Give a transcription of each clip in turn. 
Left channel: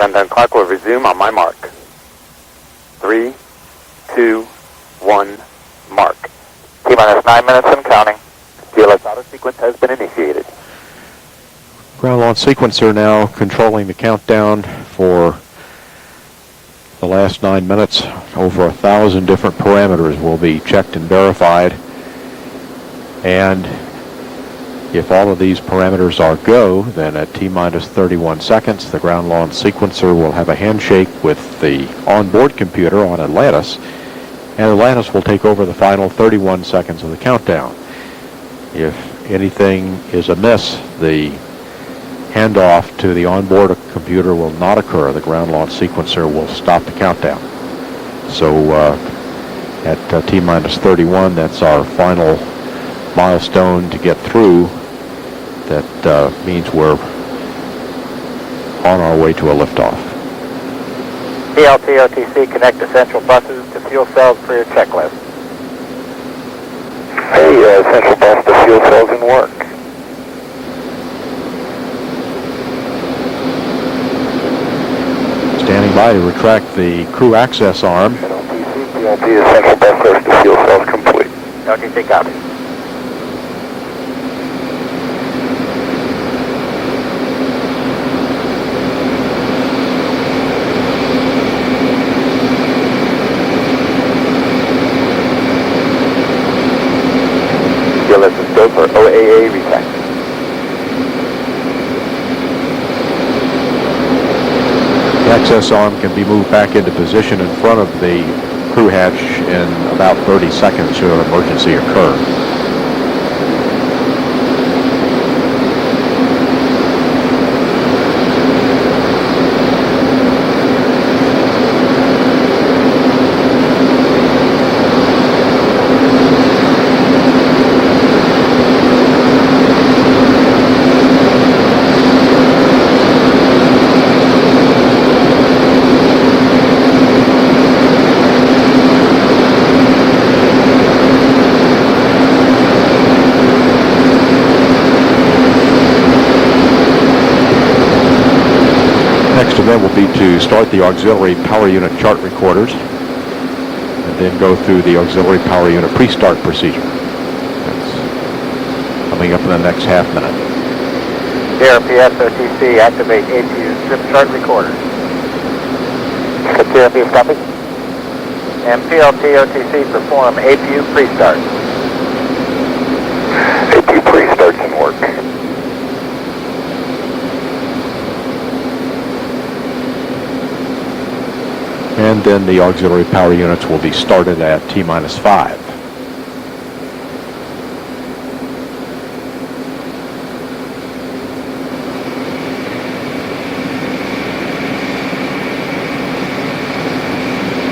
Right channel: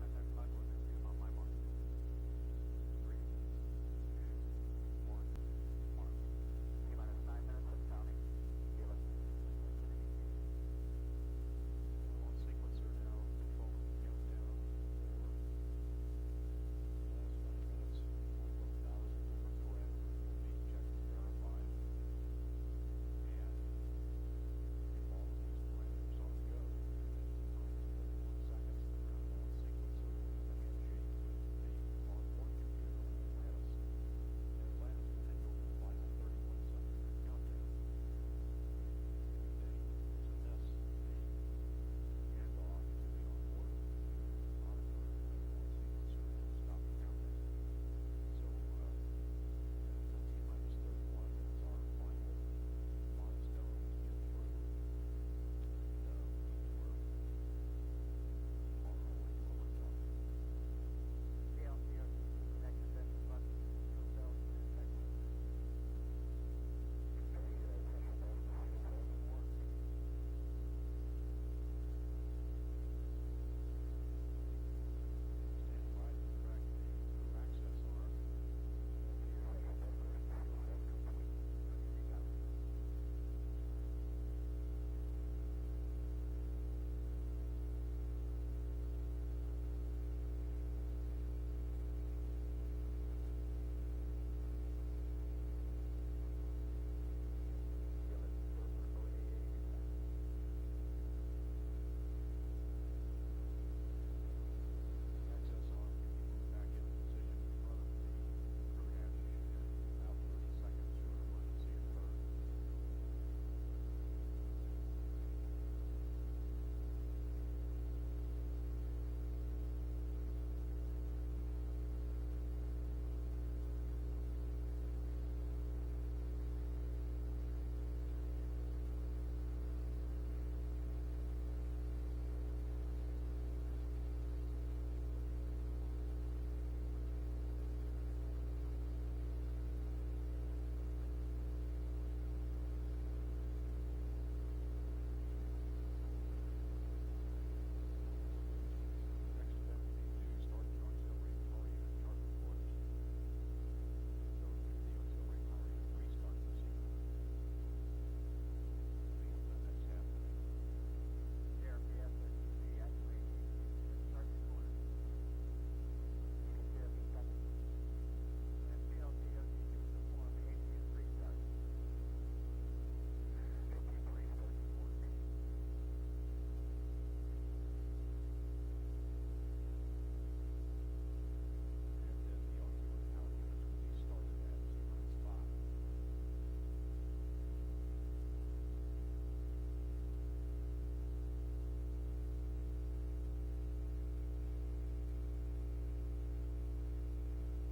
Countdown clock will resume on my mark. 3, 2, 1, mark. T-minus 9 minutes and counting. GLS auto sequence has been initiated. Ground launch sequencer now controlling the countdown for the last 9 minutes. Over 1,000 different parameters will be checked and verified. And if all of these parameters are go, then at T-minus 31 seconds, the ground launch sequencer will have a handshake with the onboard computer on Atlantis, and Atlantis will take over the final 31 seconds of the countdown. If anything is amiss, the handoff to the onboard computer will not occur. The ground launch sequencer will stop the countdown. So at T-minus 31, that's our final milestone to get through. That means we're on our way to a liftoff. PLT OTC, connect essential buses to fuel cells for your checklist. Hey, essential bus to fuel cells in work. Standing by to retract the crew access arm. PLT essential bus source to fuel cells complete. OTC copy. GLS is go for OAA retract. The access arm can be moved back into position in front of the crew hatch in about 30 seconds should an emergency occur. Will be to start the auxiliary power unit chart recorders and then go through the auxiliary power unit pre-start procedure. That's coming up in the next half minute. CRPS OTC, activate APU strip chart recorders. CRPS copy. And PLT OTC, perform APU pre-start. APU pre-start's in work. And then the auxiliary power units will be started at T-minus 5.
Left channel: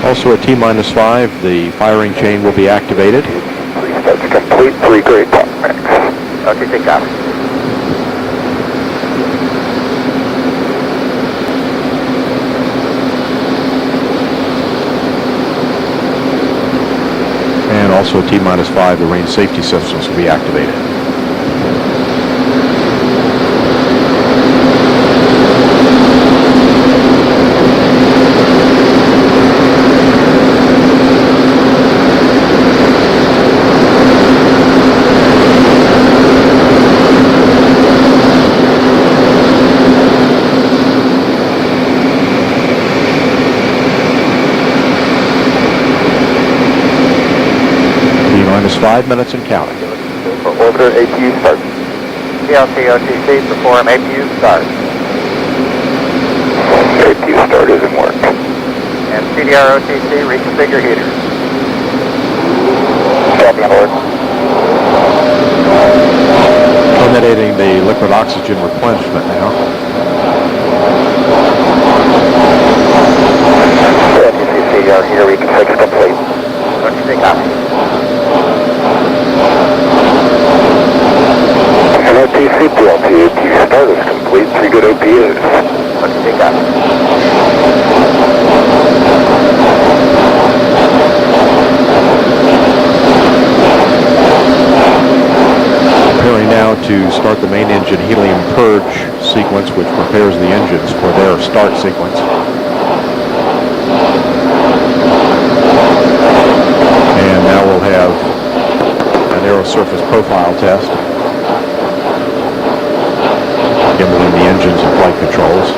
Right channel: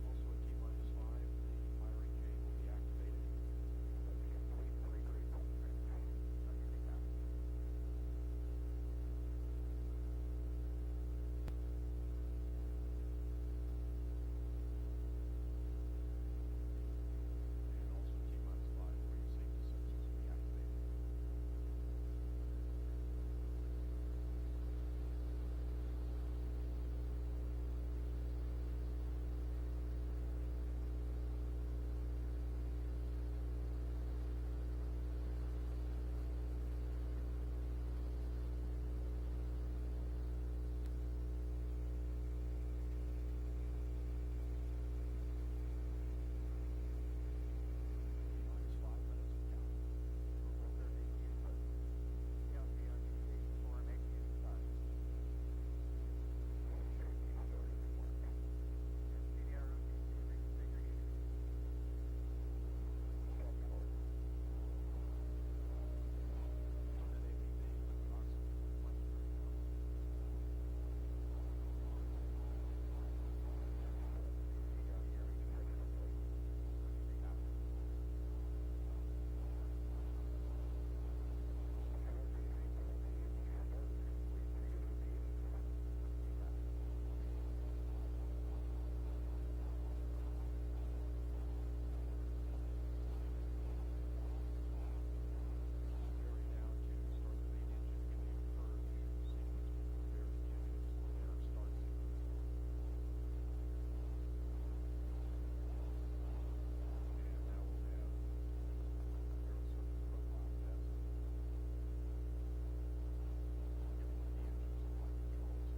Also at T-minus 5, the firing chain will be activated. Pre-start's complete, 3 grade top mix. OTC copy. And also at T-minus 5, the range safety systems will be activated. Minus 5 minutes and counting. For orbiter APU start. PLT OTC, perform APU start. APU start is in work. And CDR OTC, reconfigure heaters. Copy on board. Terminating the liquid oxygen replenishment now. OTC CDR heater reconfigure complete. OTC copy. OTC PLT, APU start is complete, 3 good OPUs. OTC copy. Preparing now to start the main engine helium purge sequence, which prepares the engines for their start sequence. And now we'll have an aerosurface profile test, gimbaling the engines and flight controls.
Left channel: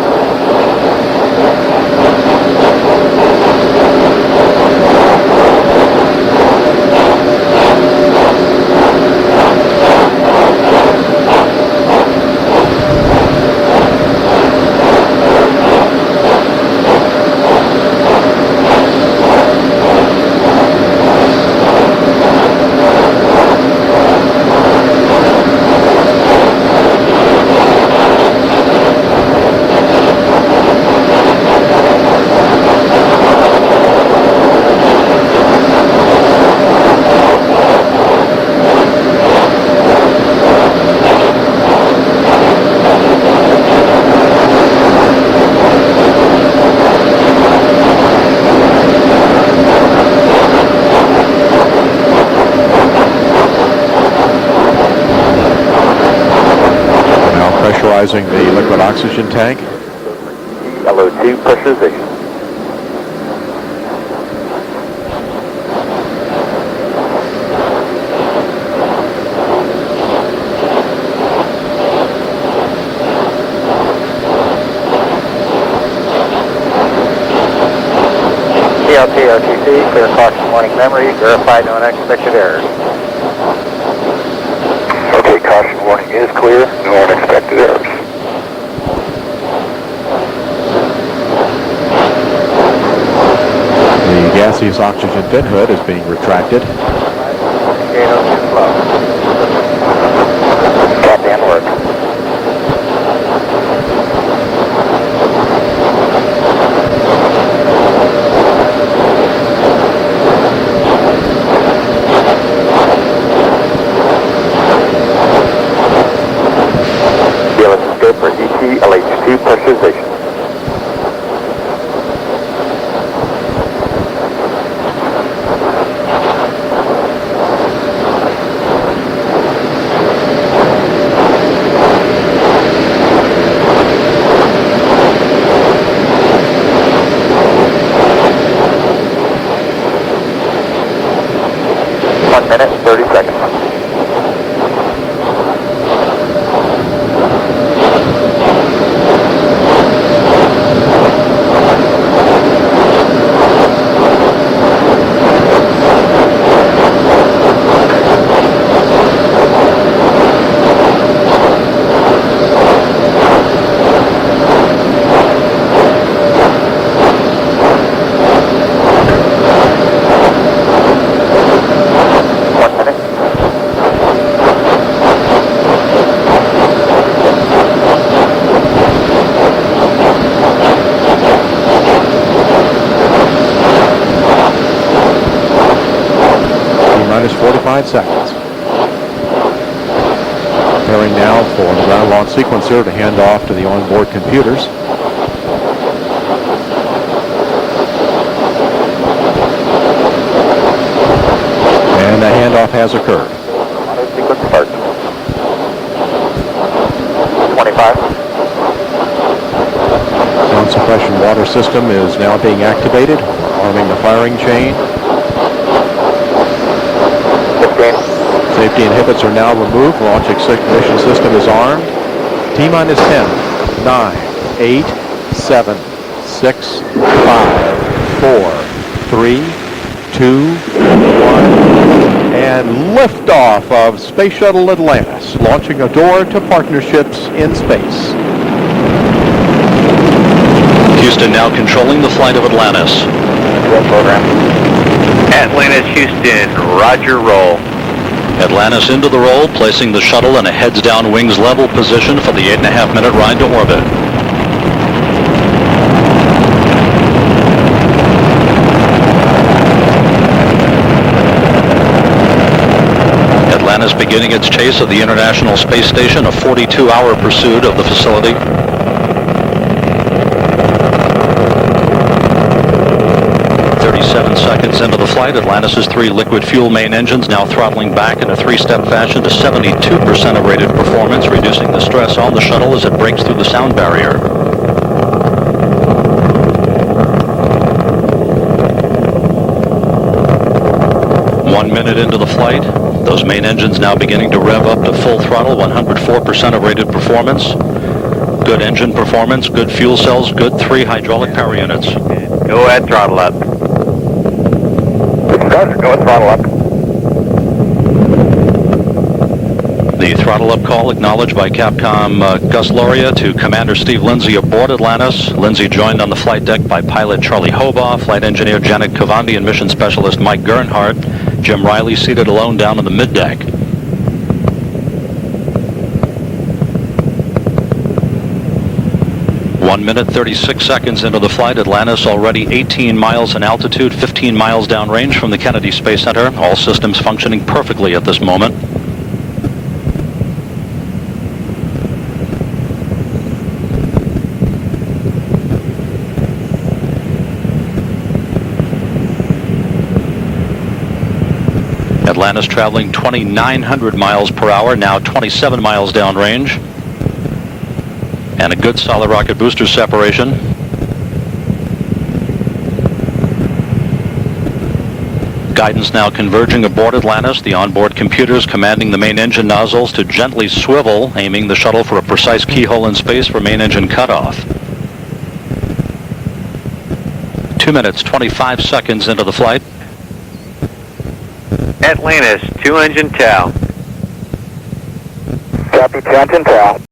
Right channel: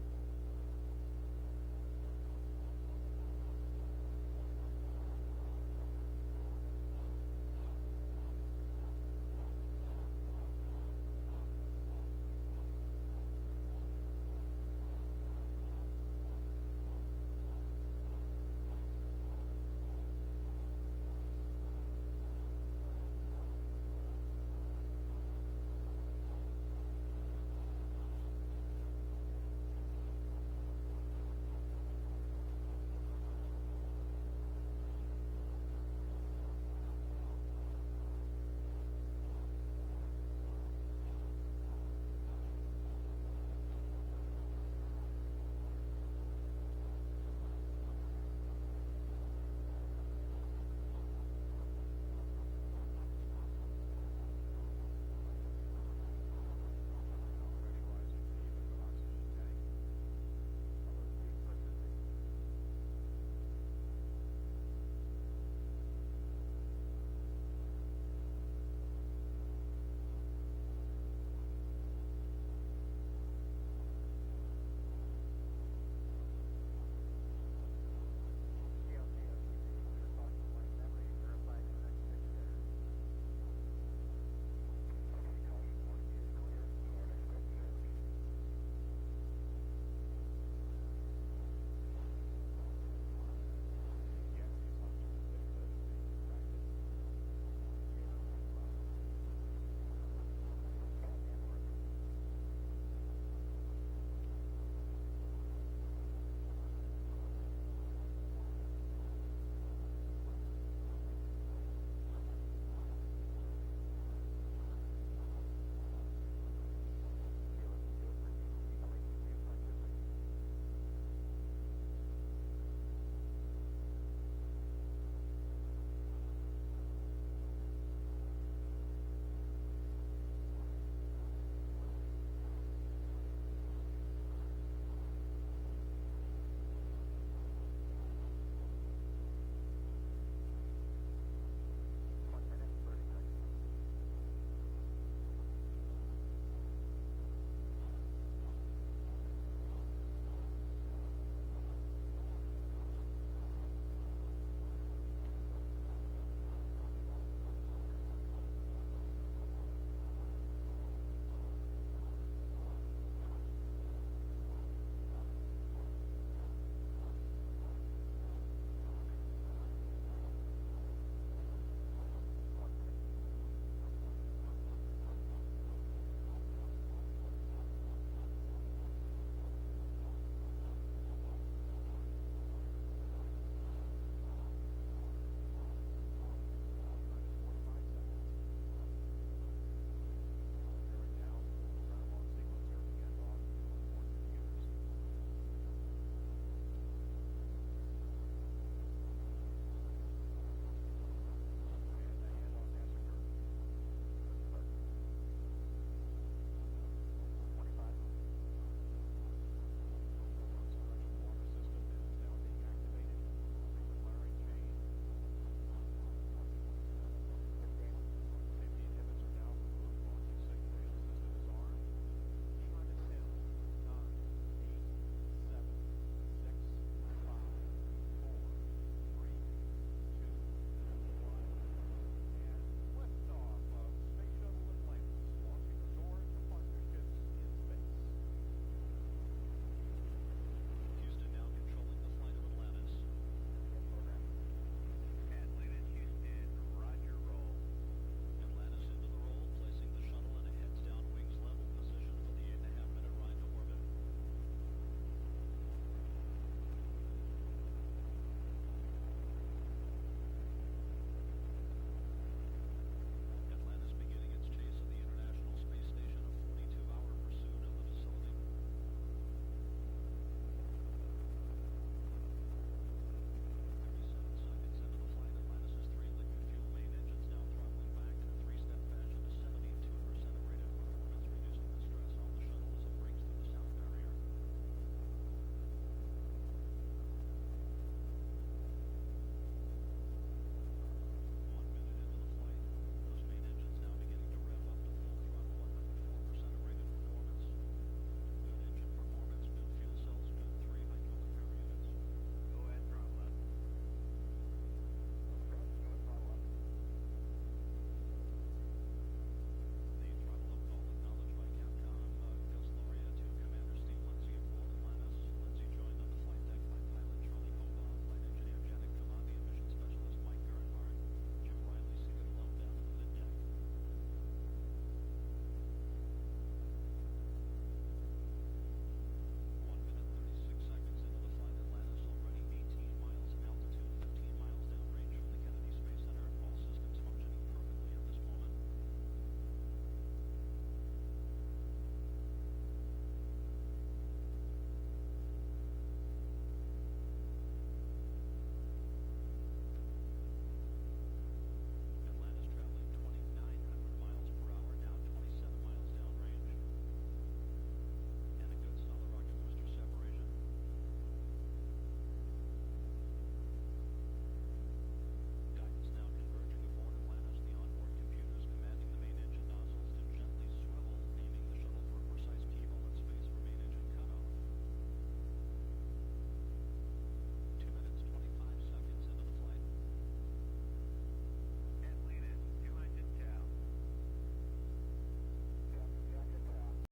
Pressurizing the liquid oxygen tank. LO2 pressurization. CLT RTC, clear caution warning memory, verify no unexpected errors. Okay, caution warning is clear, no unexpected errors. The gaseous oxygen fin hood is being retracted. Captain work. For ET LH2 pressurization. One minute, 30 seconds. Minus 45 seconds. Preparing now for the ground launch sequencer to hand off to the onboard computers. And the handoff has occurred. Sequence start. 25. Sound suppression water system is now being activated, arming the firing chain. Safety inhibits are now removed. Launch ignition system is armed. T-minus 10, 9, 8, 7, 6, 5, 4, 3, 2, 1, and liftoff of Space Shuttle Atlantis, launching a door to partnerships in space. Houston now controlling the flight of Atlantis. Roll program. Atlantis, Houston, roger, roll. Atlantis into the roll, placing the shuttle in a heads-down, wings-level position for the 8.5-minute ride to orbit. Atlantis beginning its chase of the International Space Station, a 42-hour pursuit of the facility. 37 seconds. seconds into the flight, Atlantis' 3 liquid fuel main engines now throttling back in a 3-step fashion to 72% of rated performance, reducing the stress on the shuttle as it breaks through the sound barrier. One minute into the flight, those main engines now beginning to rev up to full throttle, 104% of rated performance. Good engine performance, good fuel cells, good 3 hydraulic power units. Go ahead, throttle up. Go ahead, throttle up. The throttle up call acknowledged by Capcom Gus Loria to Commander Steve Lindsay aboard Atlantis. Lindsay joined on the flight deck by pilot Charlie Hobaugh, flight engineer Janet Cavandi, and mission specialist Mike Gernhardt. Jim Riley seated alone down on the middeck. One minute, 36 seconds into the flight, Atlantis already 18 miles in altitude, 15 miles downrange from the Kennedy Space Center. All systems functioning perfectly at this moment. Atlantis traveling 2,900 miles per hour, now 27 miles downrange. And a good solid rocket booster separation. Guidance now converging aboard Atlantis. The onboard computers commanding the main engine nozzles to gently swivel, aiming the shuttle for a precise keyhole in space for main engine cutoff. 2 minutes, 25 seconds into the flight. Atlantis, 2 engine tail. Copy, 2 engine tail.